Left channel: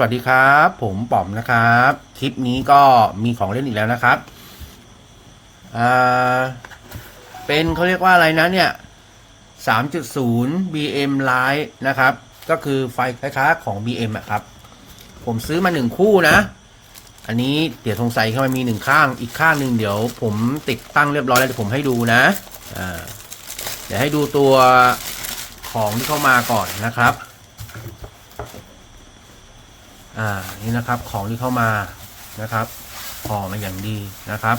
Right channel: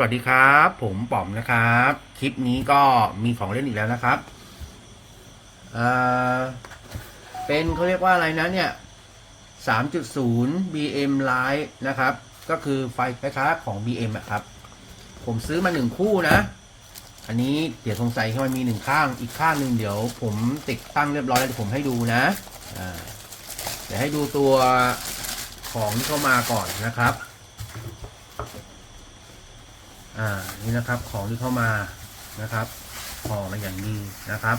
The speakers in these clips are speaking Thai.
สวัสดีครับ ผมป๋อมนะครับ คลิปนี้ก็มีของเล่นอีกแล้วนะครับอ่าเป็นเขาเรียกว่าอะไรนะเนี่ย3.0 BM Lite นะครับ ก็คือไฟคล้ายๆของ BM อะครับ ผมซื้อมาหนึ่งคู่นะ อันนี้เดี๋ยวสงสัยเข้ามามีหนึ่งข้างอีกข้างหนึ่งเดี๋ยว ผมติดตั้งเรียบร้อยแล้วเดี๋ยวผมให้ดูนะอ่าเดี๋ยวให้ดูตัวของที่เข้ามาก่อนนะครับ อ่านี่นะครับของที่เข้ามานะครับห่อมาอย่างดีนะครับ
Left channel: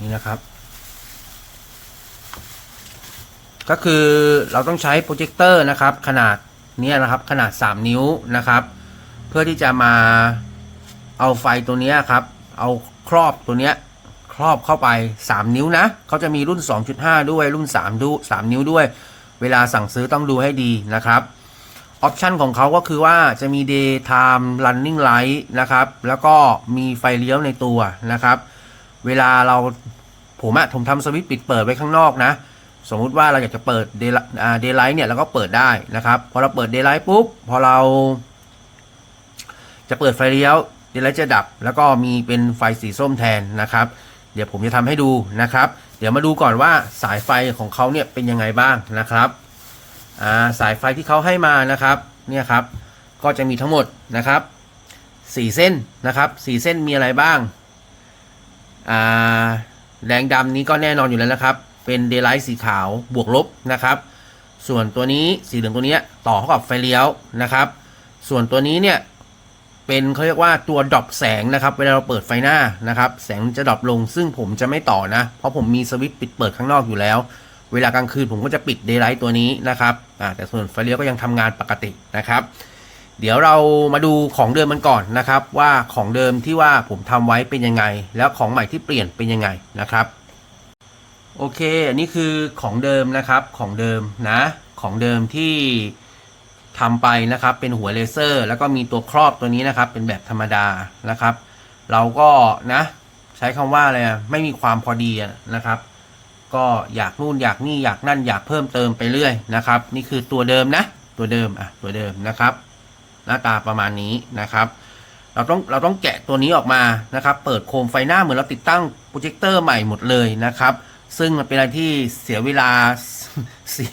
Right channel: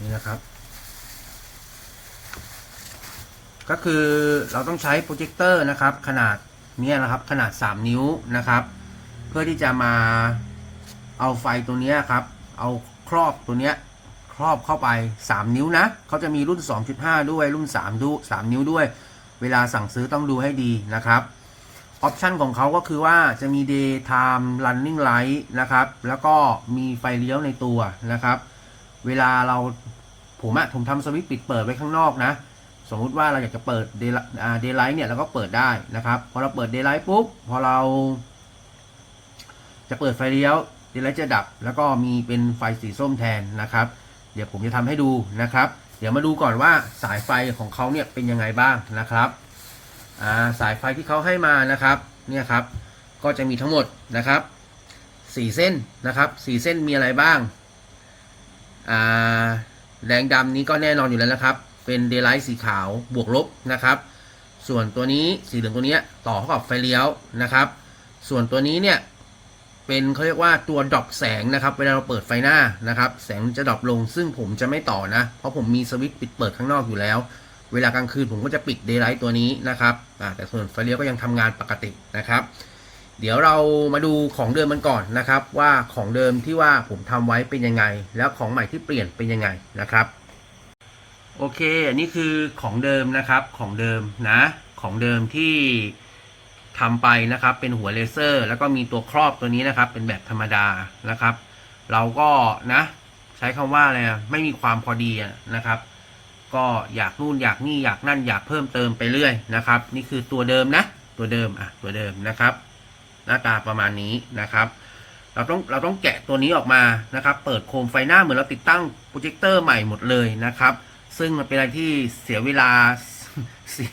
นี่นะครับ ก็คือเราต้องใช้โปรเจคเตอร์นะครับ ขนาดนี้นะครับขนาด 3 นิ้วนะครับ เพื่อที่จะมาเอาไฟตัวนี้ครับ เอาครอบตัวนี้ครอบเข้าไป 3 นิ้วนะเขาจะมีรุ่น 2.5 ด้วยรุ่น3ดู3นิ้วด้วย เวลาสั่งซื้อต้องดูให้ดีนะครับออปชันของเขาก็คือว่าจะมี daytime running light นะครับ แล้วก็มีไฟเลี้ยวในตัวนะครับ เวลาเราผมอะผมทำสวิตช์ปิดเปิดไว้ข้างนอกนะ สมมุติว่าเราอยากจะเปิด day- daylight เนี่ยเราก็เปิดได้นะครับ พอเราเปิด daylight ปุ๊บ พอเรา จะเปิดไฟเลี้ยว daylight จะดับ แล้วก็มีเป็นไฟสีส้มแทนนะครับ เดี๋ยวผมจะทำให้ดูนะครับ เดี๋ยวมาดูก่อนว่าสายไฟของเขาเนี่ยเป็นยังไงบ้างนะครับาสายไฟที่เขาให้มานะครับเนี่ยครับก็จะมีทั้งหมดนะครับสี่เส้นนะครับสี่เส้นมีอะไรบ้างอ่าแดงดำนี้ก็แน่นอนอยู่แล้วนะครับ เป็นเด y l ไลท์สีขาวบวกลบนะครับ ส่วนตัวนี้สีเหลืองตัวนี้ต่อเข้ากับไฟเลี้ยวนะครับ ส่วนตัวนี้เนี่ย เป็นเขาเรียกว่าตัวดรอปแสงนะครับ เวลาเราเปิดไฟหน้านะครับ แสงจะดรอปลง ซึ่งผมจะไม่ต่อนะ เพราะผมมีสวิตช์ปิดเปิดข้างนอกอยู่แล้ว เวลากลางคืนผมก็จะปิดเด y l ไลท์ตัวนี้นะครับแต่ส่วนไฟเลี้ยวก็ยังทำงานปกตินะครับ เดี๋ยวเรามาดูของเดิมมันก่อนนะครับ ว่าของเดิมที่ว่าผมทำไว้เป็นยังไง แล้วของใหม่ที่เปลี่ยนเป็นยังไงนะครับ โอเค อันนี้คือของเดิมนะครับ ของเดิมนะ ของเดิมที่ ทำไปนะครับ เป็นหัวเลเซอร์ แล้วก็มีตัวครอบตัวนี้นะครับ เป็นแบบธรรมดานะครับ เราก็นะ ใช้คำว่าอะไรไม่มีความพอดีนะครับ ก็อยากนู่นอยากนี่อยากนั่นอยากเพิ่มเติมไปเรื่อยนะครับ นี่คือตัวเดิมนะ ตัวเดิมอะตัวเดิมนะครับ หน้าตาประมาณนี้นะครับ เราต้องเราต้องแกะตัวนี้ออกมานะครับ เปิดโคมไฟหน้าเหมือนเราติดตั้งโปรเจคเตอร์ใหม่หมดเลยนะครับ ซึ่งมันเป็นอะไรที่เสียเวลาเสีย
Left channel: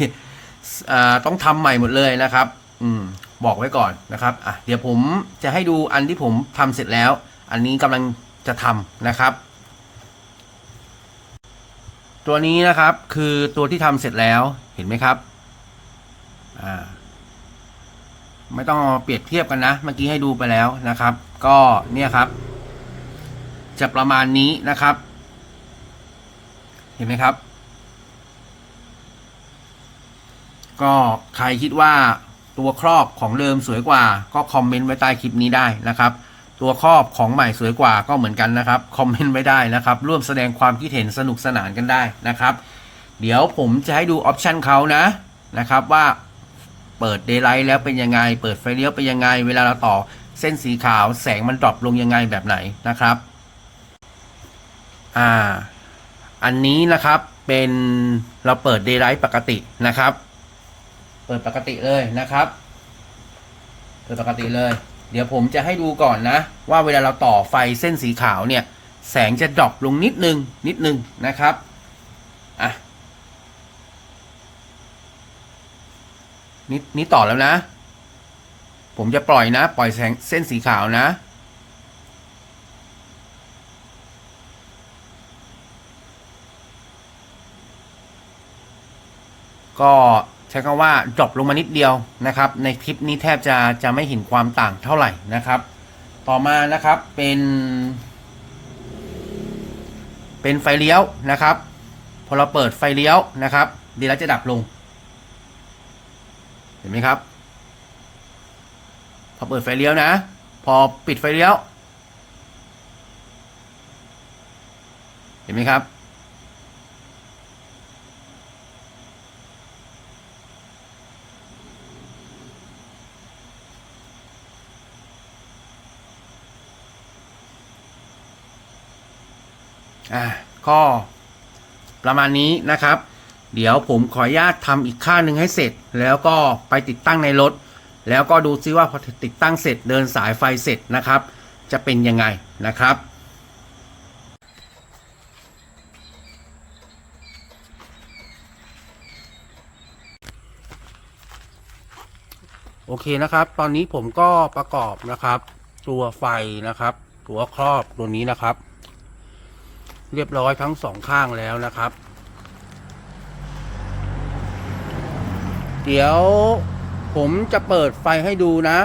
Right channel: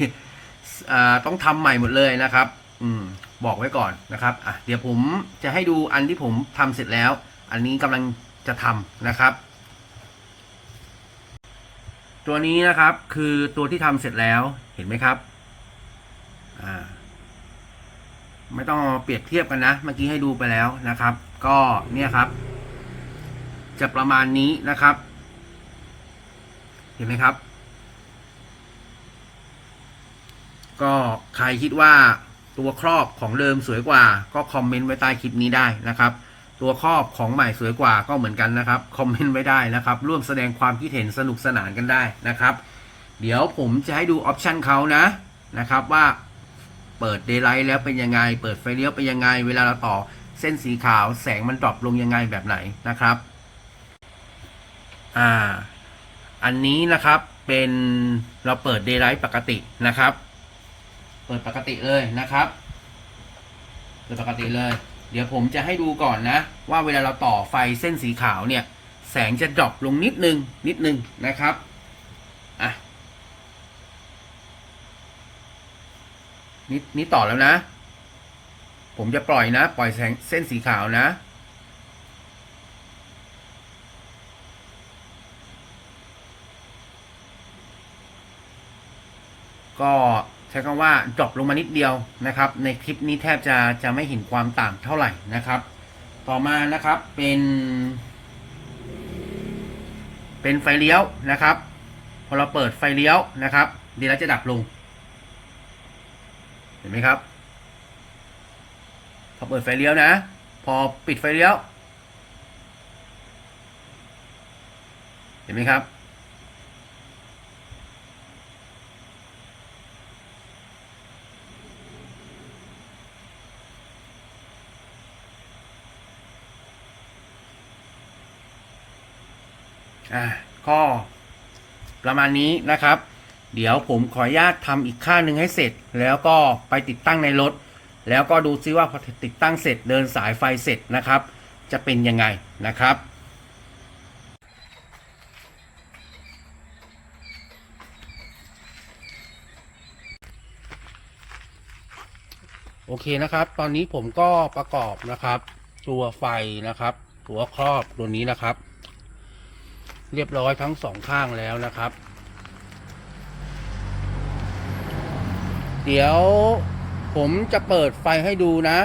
อ่าต้องทำใหม่หมดเลยนะครับ อืมบอกไว้ก่อนนะครับอะเดี๋ยวผมจะให้ดูอันที่ผมทำเสร็จแล้ว อันนี้กำลังจะทำนะครับ ตัวนี้นะครับคือตัวที่ทำเสร็จแล้วเห็นไหมครับอ่าไม่ต้องเปรียบเทียบกันนะ เมื่อกี้ให้ดูไปแล้วนะครับ ก็เนี่ยครับ จะประมาณนี้นะครับ เห็นไหมครับ ก็ใครคิดว่า ตัวครอบของเดิมสวยกว่า ก็คอมเมนต์ไว้ใต้คลิปนี้ได้นะครับ ตัวครอบของใหม่สวยกว่าก็เหมือนกันนะครับคอมเมนต์ไว้ได้นะครับ ร่วมแสดงความคิดเห็นสนุกสนานกันได้นะครับ เดี๋ยวผมจะให้ดูออปชันเขานะนะครับว่าเปิด daylight แล้วเป็นยังไง เปิดไฟเลี้ยวเป็นยังไง เวลาเราต่อเส้นสีขาวแสงมันดรอปลงยังไงแบบไหนนะครับ อ่า อันนี้นะครับเป็นเราเปิด daylight ปกตินะครับ เปิดปกติเลยนะครับ เปิดปกติเลย เดี๋ยวผมจะให้ดูก่อนนะ ว่าเวลาเราต่อไฟเส้นสีขาวเนี่ย แสงจะดรอปลงนิดนึง นิดนึงนะครับ อะ นี่นี่ต่อแล้วนะ ผมจะปล่อยนะ ปล่อยแสงเส้นสีขาวนะก็ ใช้คำว่าดรอปลงมานิดเดียวนะครับ ในคลิปนี้แทบจะจะไม่เห็นความต่างเท่าไหร่นะครับ ต่อมานะครับเป็น เป็นไฟเลี้ยวนะครับ พอเราเปิดไฟเลี้ยวนะครับดีแล้วจะดับลง เห็นไหมครับ พอเปิดไฟเลี้ยวนะ พอปิดไฟเลี้ยว เห็นไหมครับ อ่า ก็ประมาณนี้นะครับ เดี๋ยวผมขออนุญาตทำอีกข้างหนึ่งให้เสร็จ แล้วก็ไปติดตั้งในรถ แล้วก็ดูซิว่าพอติดตั้งเสร็จเดินสายไฟเสร็จนะครับ จะเป็นยังไงนะครับโอเคนะครับ ตอนนี้ผมก็ประกอบนะครับ ตัวไฟนะครับ ตัวครอบตัวนี้นะครับ เรียบร้อยทั้งสองข้างแล้วนะครับ เดี๋ยวผมจะเปิดไฟให้ดูนะ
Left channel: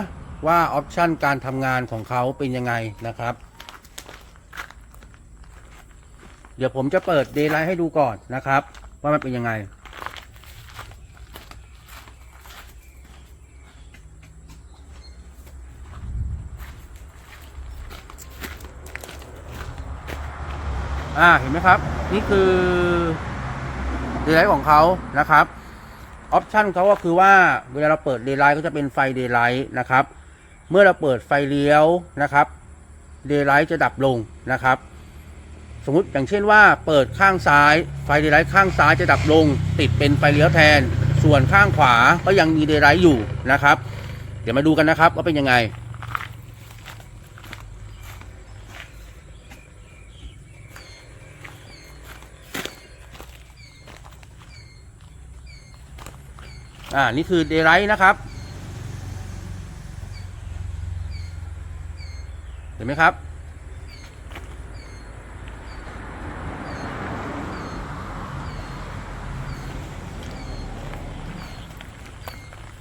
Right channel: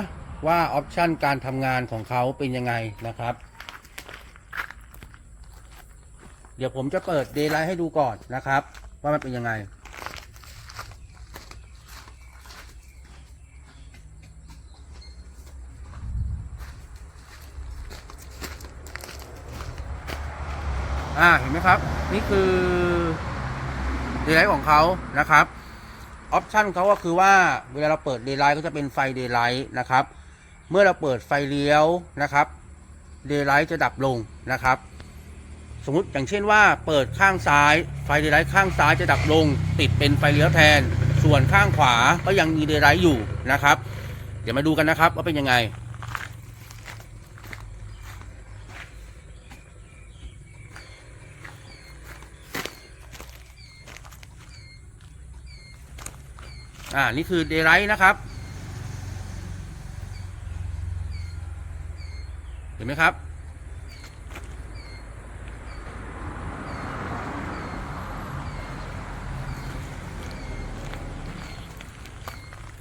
ว่าออปชันการทำงานของเขาเป็นยังไงนะครับ เดี๋ยวผมจะเปิดเดย์ไลท์ให้ดูก่อนนะครับ ว่ามันเป็นยังไง อ่าเห็นไหมครับ นี่คือเดย์ไลท์ของเขานะครับออปชันเขาก็คือว่าเวลาเราเปิดเดย์ไลท์ก็จะเป็นไฟเดย์ไลท์นะครับ เมื่อเราเปิดไฟเลี้ยวนะครับเดย์ไลท์จะดับลงนะครับ สมมติอย่างเช่นว่าเปิดข้างซ้ายไฟเดย์ไลท์ข้างซ้ายจะดับลง ติดเป็นไฟเลี้ยวแทน ส่วนข้างขวาก็ยังมีเดย์ไลท์อยู่นะครับ เดี๋ยวมาดูกันนะครับว่าเป็นยังไง อ่า นี่คือเดย์ไ i ท์นะครับ เห็นไหมครับ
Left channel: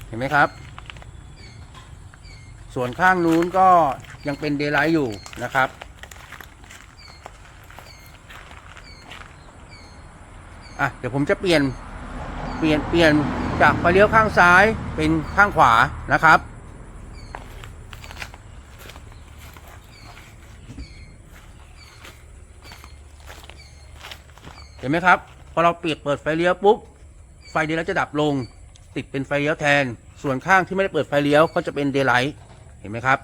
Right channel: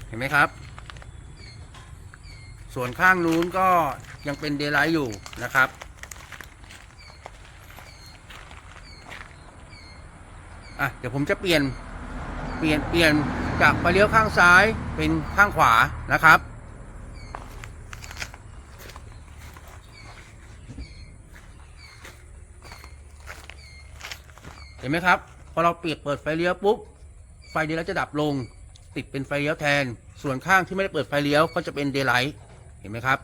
เห็นไหมครับ ส่วนข้างนู้นก็ยังเป็นเดย์ไ i ท์อยู่นะครับอะเดี๋ยวผมจะเปลี่ยน เปลี่ยนเปลี่ยนจากไฟเลี้ยวข้างซ้ายเป็นข้างขวานะครับ เห็นไหมครับ พอเราเปลี่ยนเปิดไฟเลี้ยวปุ๊บ ไฟเดย์ไลท์จะดับลง ติดเป็นไฟเลี้ยวแทน ส่วนข้างที่ไม่ได้เปิดไฟเลี้ยวก็จะเป็นเดย์ไลท์ เห็นไหมครับ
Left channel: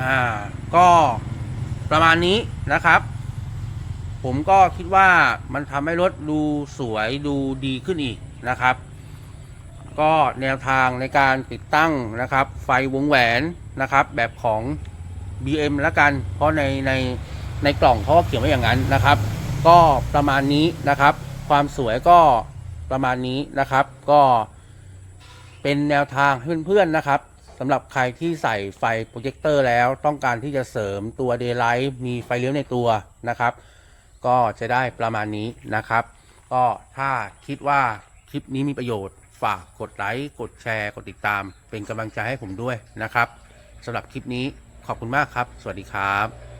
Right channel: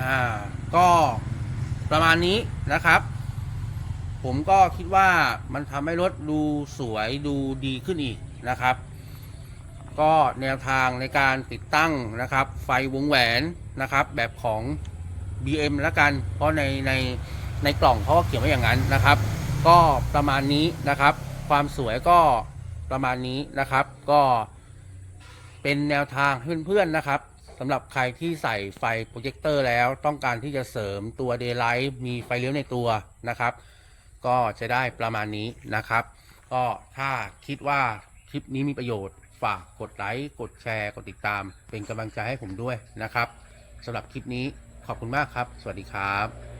อ่าก็ประมาณนี้นะครับ ผมก็คิดว่ามันทำให้รถดูสวยดูดีขึ้นอีกนะครับ ก็แนวทางในการติดตั้งนะครับ ไฟวงแหวนนะครับ แบบของ BM ล้วกัน เพราะในในในกล่องเขาก็เขียนไว้อย่างนั้นนะครับ ก็ประมาณนี้นะครับ ความสวยก็ประมาณนี้นะครับ ก็เป็นแนวทางเพื่อนๆนะครับ สำหรับใครที่ใส่ไฟโปรเจคเตอร์แล้วต้องการที่จะเสริมตัว Daylight มีไฟเลี้ยวในตัวนะครับ ก็จะได้ประมาณนี้นะครับ ก็ถ้าคิดว่าคลิปนี้มีประโยชน์ฝากกดไลค์ กดแชร์ กดติดตาม เป็นกำลังใจให้ผมด้วยนะครับสำหรับคลิปนี้ขอบคุณมากครับ สวัสดีครับ